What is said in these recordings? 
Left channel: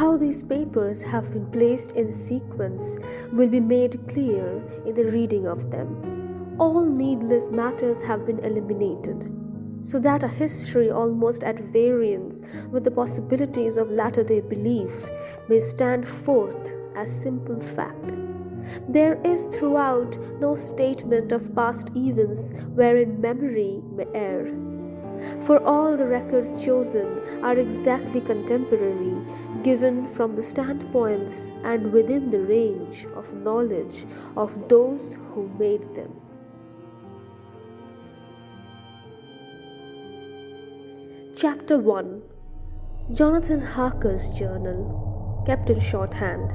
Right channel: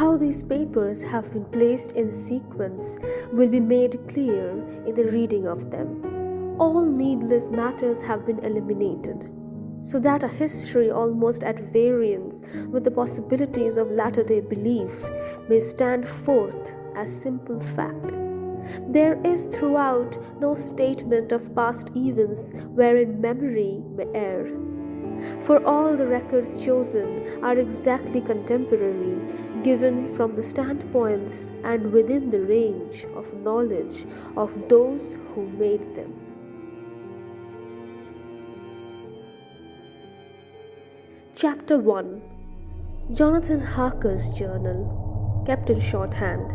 How these papers have been placed in sequence will be made clear in the reading of them. All needless matters have been eliminated, so that a history almost at variance with the possibilities of latter-day belief may stand forth as simple fact. There is throughout no statement of past events wherein memory may err. For all the records chosen are exactly contemporary, given from the standpoints and within the range of knowledge of those who made them. Chapter 1. Jonathan Harker's Journal, kept in shorthand.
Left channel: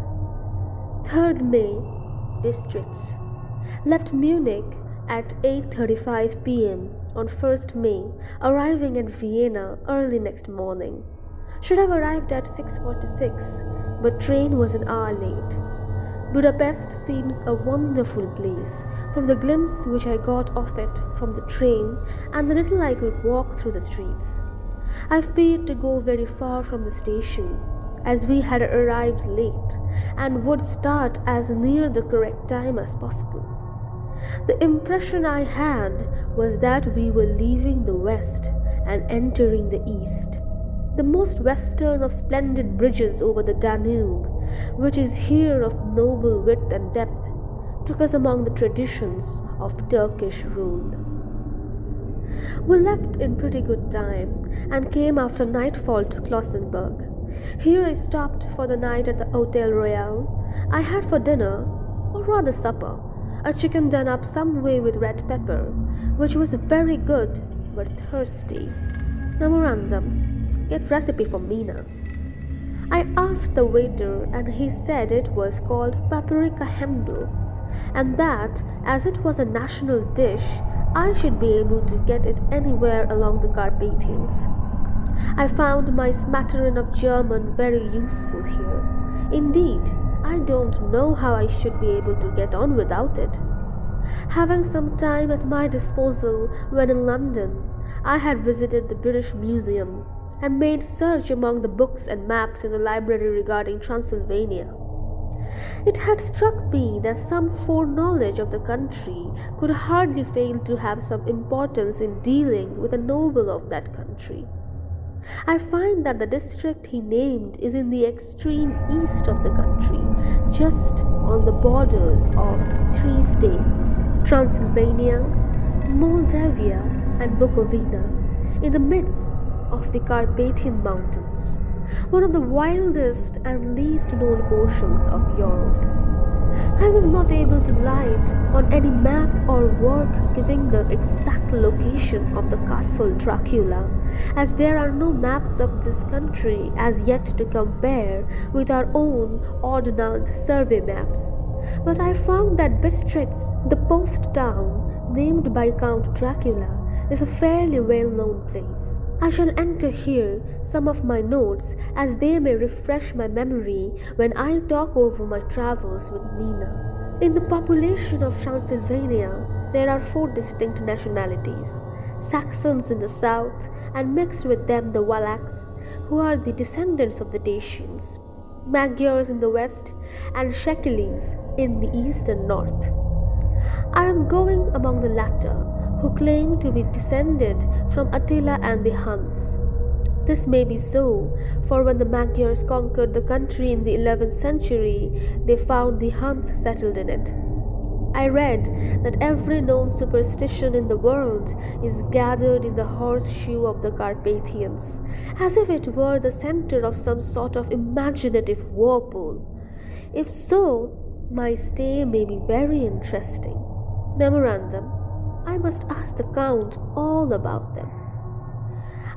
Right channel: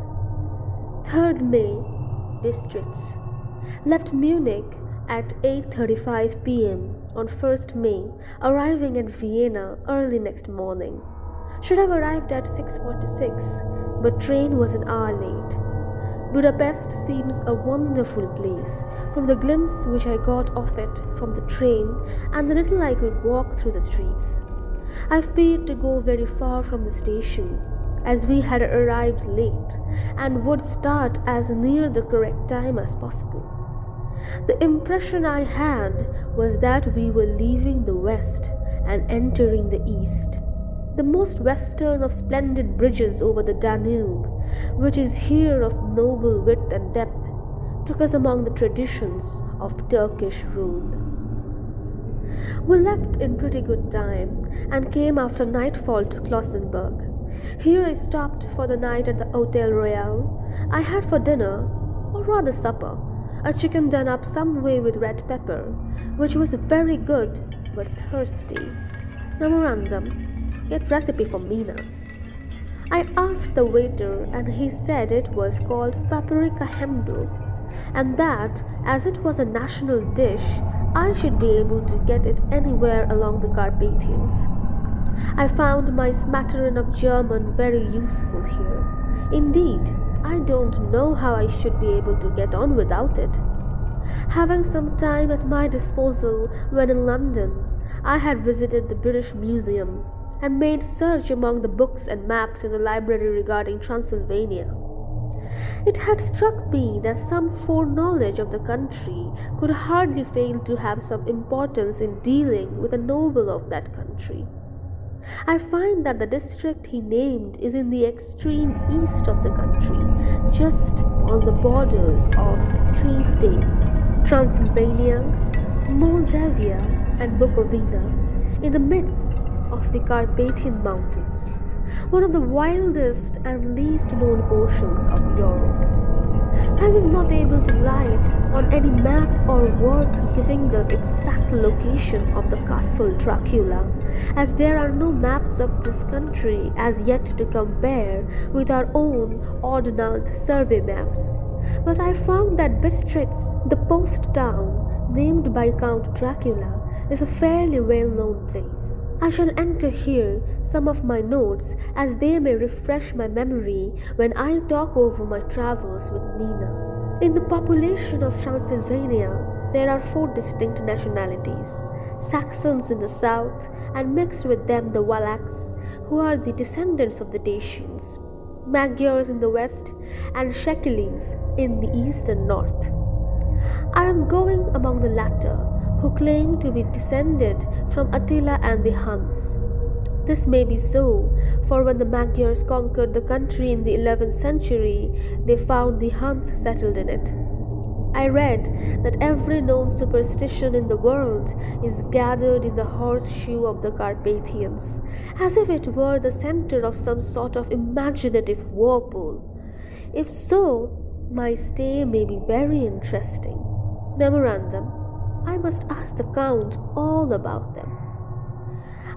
3rd May, Bistritz. Left Munich at 8:35 p.m. on 1st May, arriving at Vienna early next morning. Should have arrived at 6:46, but train was an hour late. Budapest seems a wonderful place, from the glimpse which I got of it from the train and the little I could walk through the streets. I feared to go very far from the station, as we had arrived late and would start as near the correct time as possible. The impression I had was that we were leaving the west and entering the east. The most western of splendid bridges over the Danube, which is here of noble width and depth, took us among the traditions of Turkish rule. We left in pretty good time and came after nightfall to Klausenburg. Here I stopped for the night at the Hotel Royal. I had for dinner, or rather supper, a chicken done up some way with red pepper, which was very good but thirsty. Memorandum: get recipe for Mina. I asked the waiter and he said it was called paprika Händel, and that as it was a national dish, I should be able to get it anywhere along the Carpathians. I found my smattering of German very useful here. Indeed, I don't know how I should be able to get on without it. Having some time at my disposal when in London, I had visited the British Museum and made search among the books and maps in the library regarding Transylvania. It had struck me that some foreknowledge of the country could hardly fail to have some importance in dealing with a noble of that country. I find that the district he named is in the extreme east of the country, just on the borders of 3 states, Transylvania, Moldavia, and Bukovina, in the midst of the Carpathian Mountains, one of the wildest and least known portions of Europe. I was not able to light on any map or work giving the exact location of the castle Dracula, as there are no maps of this country as yet to compare with our own ordnance survey maps. But I found that Bistritz, the post town named by Count Dracula, is a fairly well-known place. I shall enter here some of my notes, as they may refresh my memory when I talk over my travels with Mina. In the population of Transylvania, there are 4 distinct nationalities: Saxons in the south, and mixed with them the Wallachs, who are the descendants of the Dacians, Magyars in the west, and Shekelis in the east and north. I am going among the latter, who claim to be descended from Attila and the Huns. This may be so, for when the Magyars conquered the country in the 11th century, they found the Huns settled in it. I read that every known superstition in the world is gathered in the horseshoe of the Carpathians, as if it were the center of some sort of imaginative whirlpool. If so, my stay may be very interesting. Memorandum: I must ask the Count all about them.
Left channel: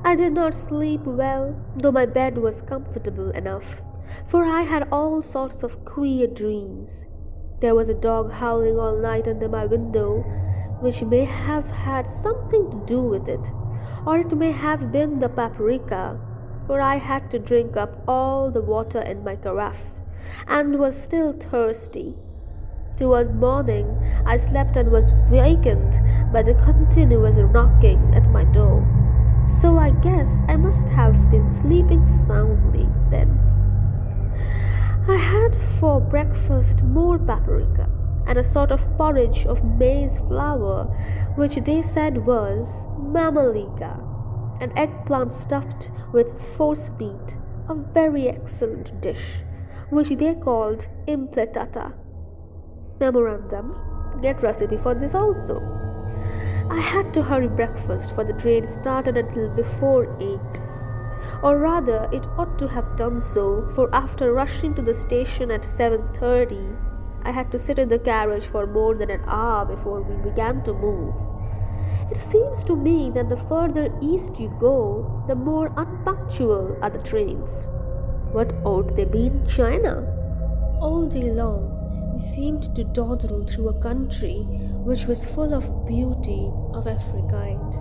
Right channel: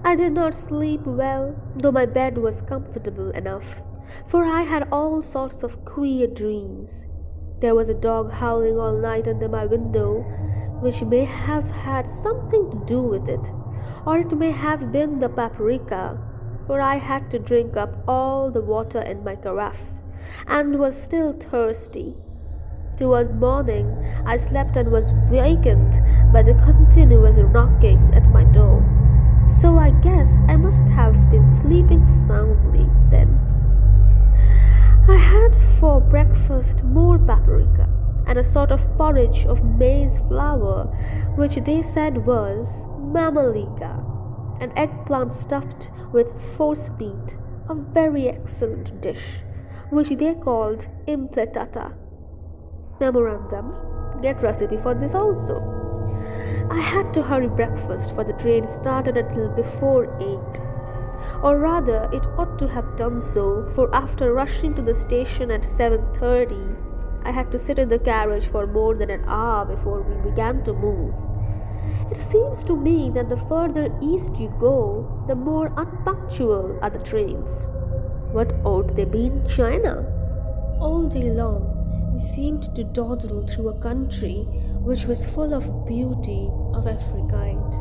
I did not sleep well, though my bed was comfortable enough, for I had all sorts of queer dreams. There was a dog howling all night under my window, which may have had something to do with it, or it may have been the paprika, for I had to drink up all the water in my carafe, and was still thirsty. Towards morning, I slept and was wakened by the continuous knocking at my door. So I guess I must have been sleeping soundly then. I had for breakfast more paprika and a sort of porridge of maize flour, which they said was mamalika, an eggplant stuffed with force meat, a very excellent dish, which they called impletata. Memorandum: get recipe for this also. I had to hurry breakfast, for the train started until before 8. Or rather, it ought to have done so, for after rushing to the station at 7:30, I had to sit in the carriage for more than an hour before we began to move. It seems to me that the further east you go, the more unpunctual are the trains. What ought they be in China? All day long, we seemed to dawdle through a country which was full of beauty of every kind.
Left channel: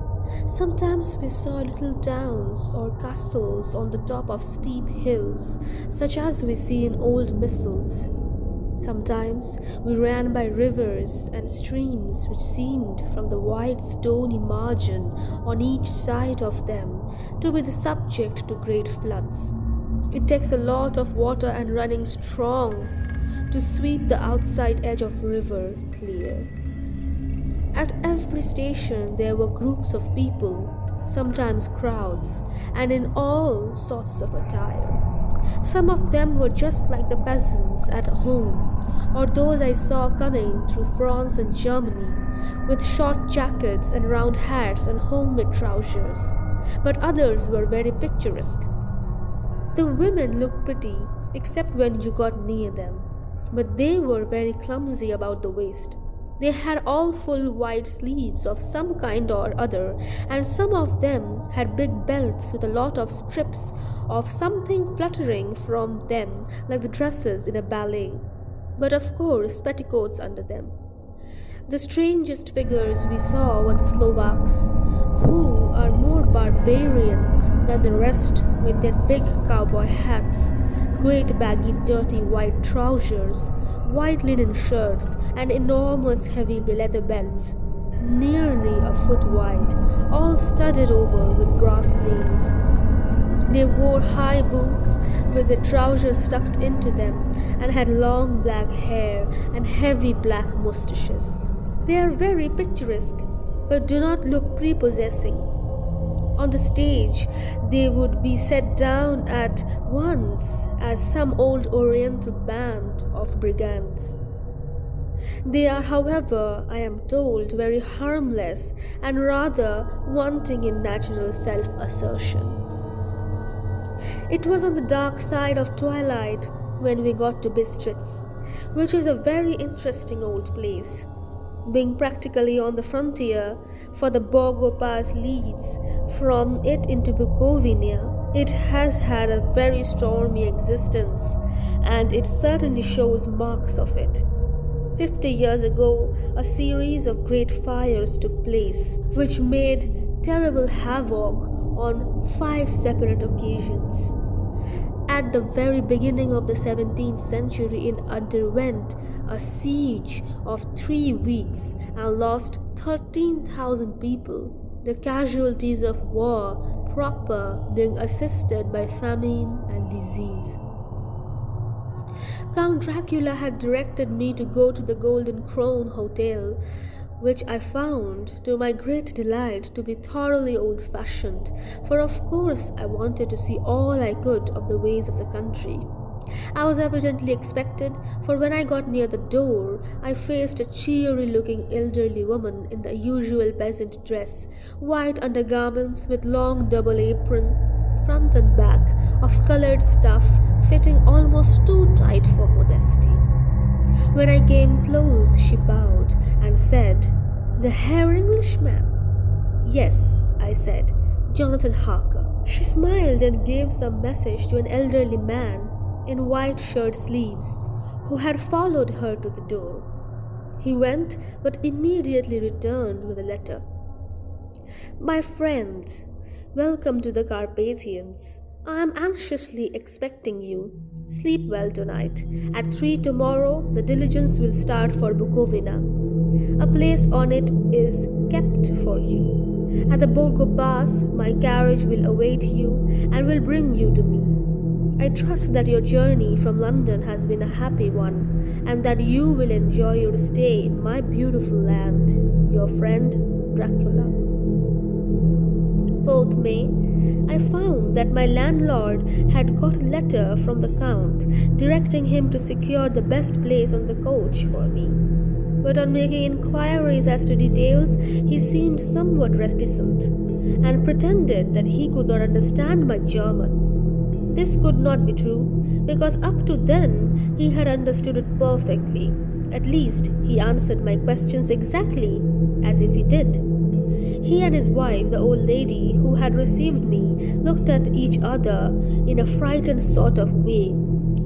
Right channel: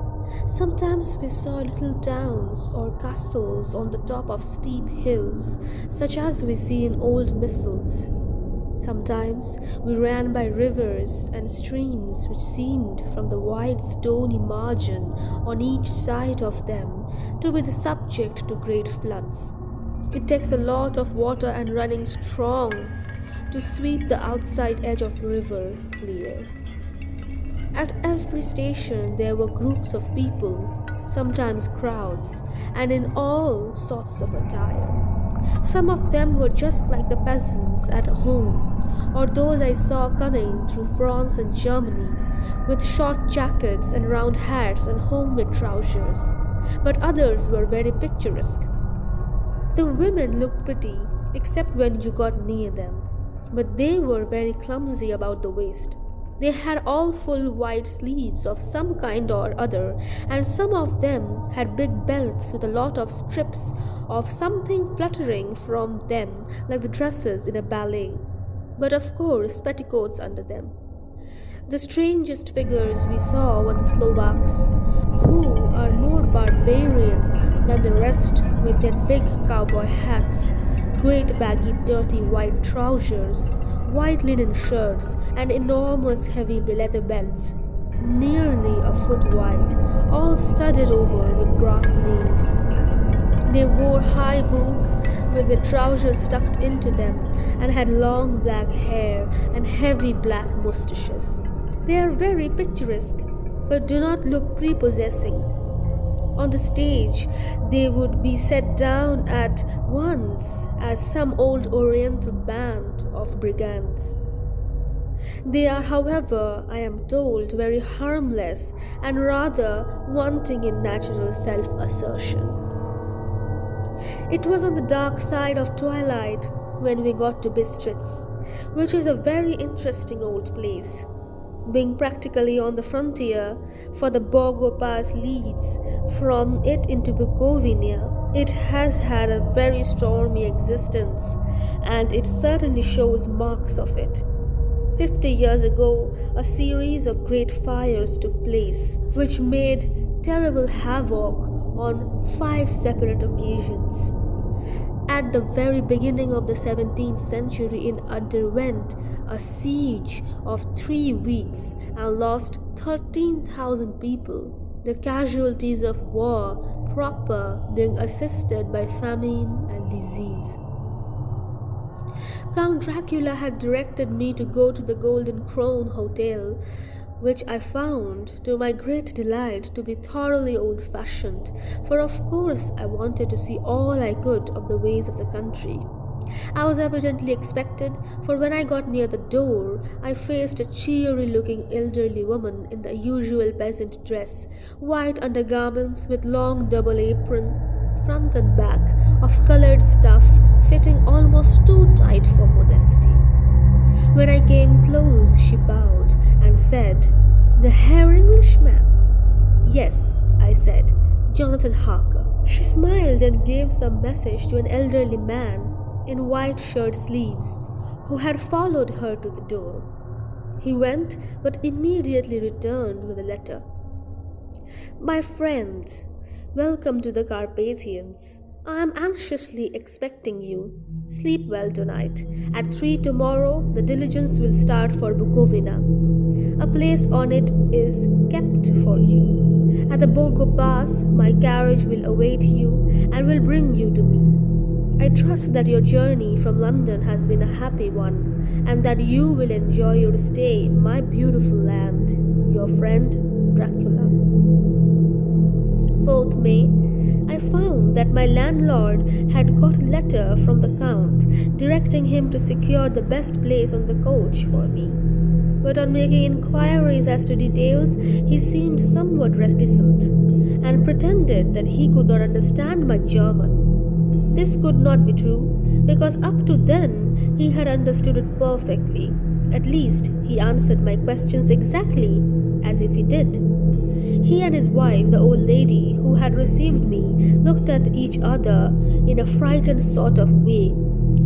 Sometimes we saw little towns or castles on the top of steep hills, such as we see in old missals. Sometimes we ran by rivers and streams which seemed, from the wide stony margin on each side of them, to be the subject to great floods. It takes a lot of water and running strong to sweep the outside edge of river clear. At every station there were groups of people, sometimes crowds, and in all sorts of attire. Some of them were just like the peasants at home, or those I saw coming through France and Germany, with short jackets and round hats and homemade trousers, but others were very picturesque. The women looked pretty, except when you got near them, but they were very clumsy about the waist. They had all full white sleeves of some kind or other, and some of them had big belts with a lot of strips of something fluttering from them like the dresses in a ballet, but of course petticoats under them. The strangest figures we saw were the Slovaks, who are more barbarian than the rest, with their big cowboy hats, great baggy dirty white trousers, white linen shirts, and enormous heavy leather belts, nearly a foot wide, all studded over with brass nails. They wore high boots with their trousers tucked into them, and had long black hair and heavy black moustaches. They are very picturesque, but do not look prepossessing. On the stage, they would be set down at once as some old Oriental band of brigands. They are, however, I am told, very harmless and rather wanting in natural self-assertion. It was on the dark side of twilight when we got to Bistritz, which is a very interesting old place. Being practically on the frontier, for the Borgo Pass leads from it into Bukovina, it has had a very stormy existence, and it certainly shows marks of it. 50 years ago, a series of great fires took place, which made terrible havoc on 5 separate occasions. At the very beginning of the 17th century, it underwent a siege of 3 weeks and lost 13,000 people, the casualties of war proper being assisted by famine and disease. Count Dracula had directed me to go to the Golden Crown Hotel, which I found, to my great delight, to be thoroughly old-fashioned, for of course I wanted to see all I could of the ways of the country. I was evidently expected, for when I got near the door, I faced a cheery-looking elderly woman in the usual peasant dress, white undergarments with long double apron, front and back, of coloured stuff fitting almost too tight for modesty. When I came close, she bowed and said, "The Herr Englishman?" "Yes," I said, "Jonathan Harker." She smiled and gave some message to an elderly man in white shirt sleeves, who had followed her to the door. He went, but immediately returned with a letter. "My friend, welcome to the Carpathians. I am anxiously expecting you. Sleep well tonight. At 3 tomorrow, the diligence will start for Bukovina. A place on it is kept for you. At the Borgo Pass, my carriage will await you and will bring you to me. I trust that your journey from London has been a happy one, and that you will enjoy your stay in my beautiful land. Your friend, Dracula. 4th May, I found that my landlord had got a letter from the Count directing him to secure the best place on the coach for me. But on making inquiries as to details, he seemed somewhat reticent and pretended that he could not understand my German. This could not be true, because up to then he had understood it perfectly. At least he answered my questions exactly as if he did. He and his wife, the old lady who had received me, looked at each other in a frightened sort of way.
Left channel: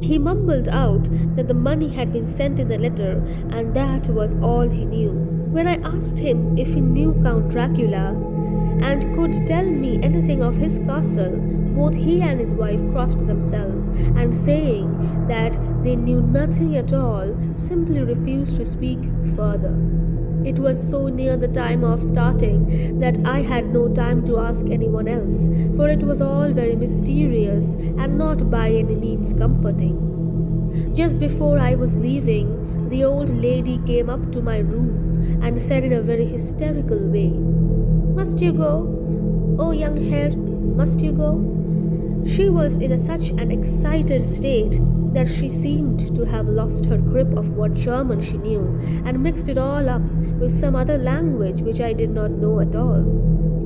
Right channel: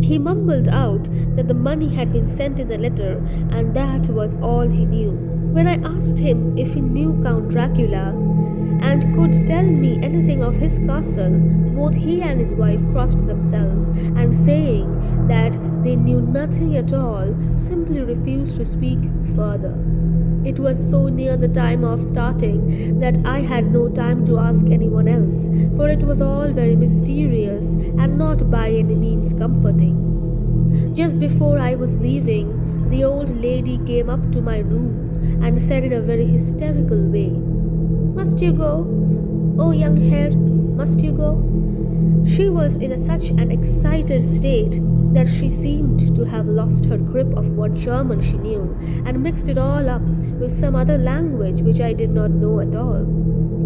He mumbled out that the money had been sent in the letter, and that was all he knew. When I asked him if he knew Count Dracula and could tell me anything of his castle, both he and his wife crossed themselves, and saying that they knew nothing at all, simply refused to speak further. It was so near the time of starting that I had no time to ask anyone else, for it was all very mysterious and not by any means comforting. Just before I was leaving, the old lady came up to my room and said in a very hysterical way, "Must you go? Oh, young Herr, must you go?" She was in such an excited state that she seemed to have lost her grip of what German she knew and mixed it all up with some other language which I did not know at all.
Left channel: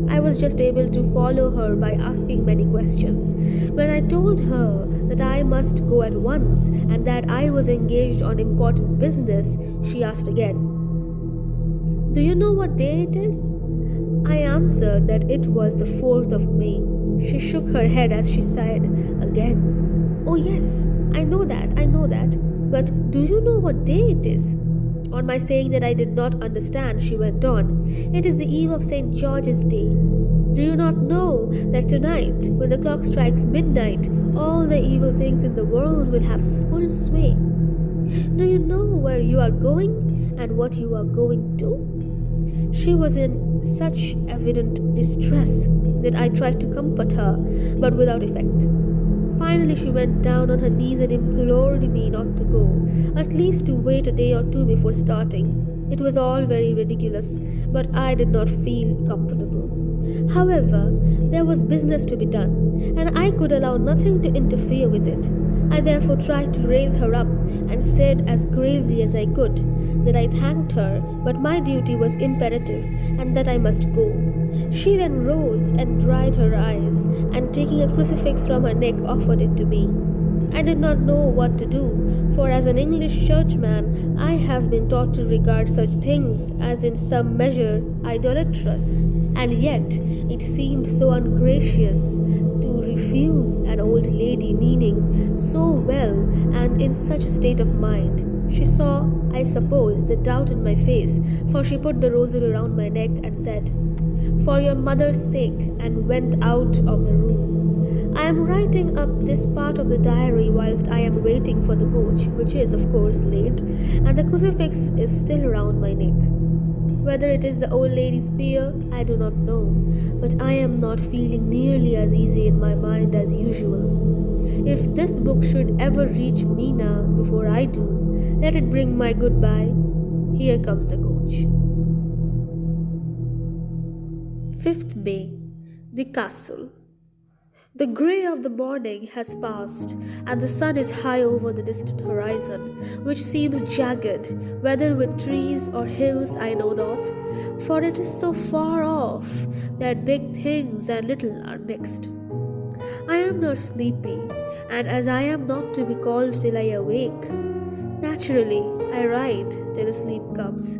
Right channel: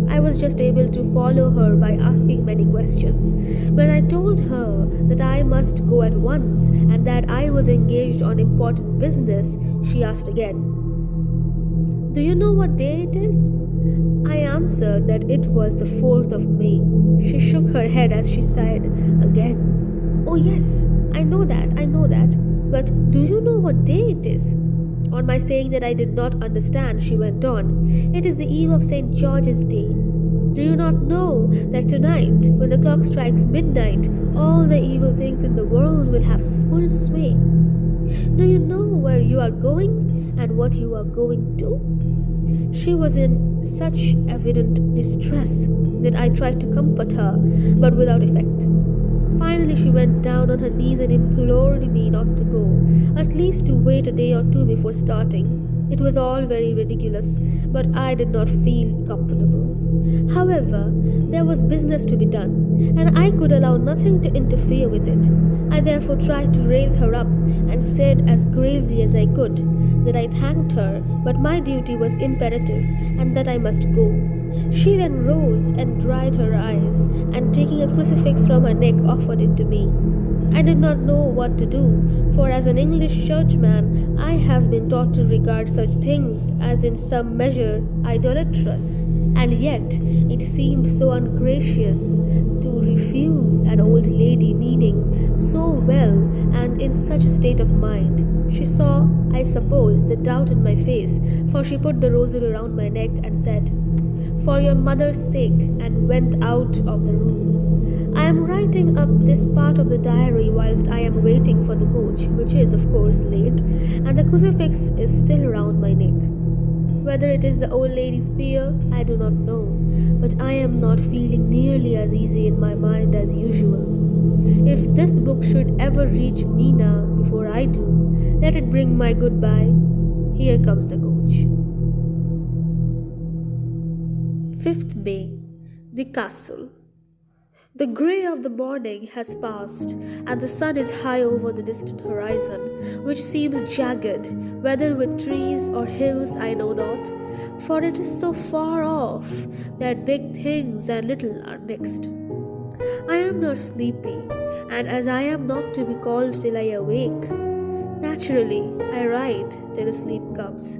I was just able to follow her by asking many questions. When I told her that I must go at once and that I was engaged on important business, she asked again, "Do you know what day it is?" I answered that it was the 4th of May. She shook her head as she said again, "Oh yes, I know that, but do you know what day it is?" On my saying that I did not understand, she went on, "It is the eve of St. George's Day. Do you not know that tonight, when the clock strikes midnight, all the evil things in the world will have full sway? Do you know where you are going and what you are going to?" She was in such evident distress that I tried to comfort her, but without effect. Finally, she went down on her knees and implored me not to go, at least to wait a day or two before starting. It was all very ridiculous, but I did not feel comfortable. However, there was business to be done, and I could allow nothing to interfere with it. I therefore tried to raise her up and said as gravely as I could that I thanked her, but my duty was imperative and that I must go. She then rose and dried her eyes, and taking a crucifix from her neck offered it to me. I did not know what to do, for as an English churchman I have been taught to regard such things as in some measure idolatrous, and yet it seemed so ungracious to refuse an old lady meaning so well and in such a state of mind. She saw, I suppose, the doubt in my face, for she put the rosary around my neck and said, "For your mother's sake," and went out of the room. I am writing up this part of the diary whilst I am waiting for the coach, which is, of course, late, and the crucifix is still around my neck. Whether it is the old lady's fear, I do not know, but I am not feeling nearly as easy in my mind as usual. If this book should ever reach Mina before I do, let it bring my goodbye. Here comes the coach. 5th May. The Castle. The grey of the morning has passed, and the sun is high over the distant horizon, which seems jagged, whether with trees or hills I know not, for it is so far off that big things and little are mixed. I am not sleepy, and as I am not to be called till I awake, naturally I write till sleep comes.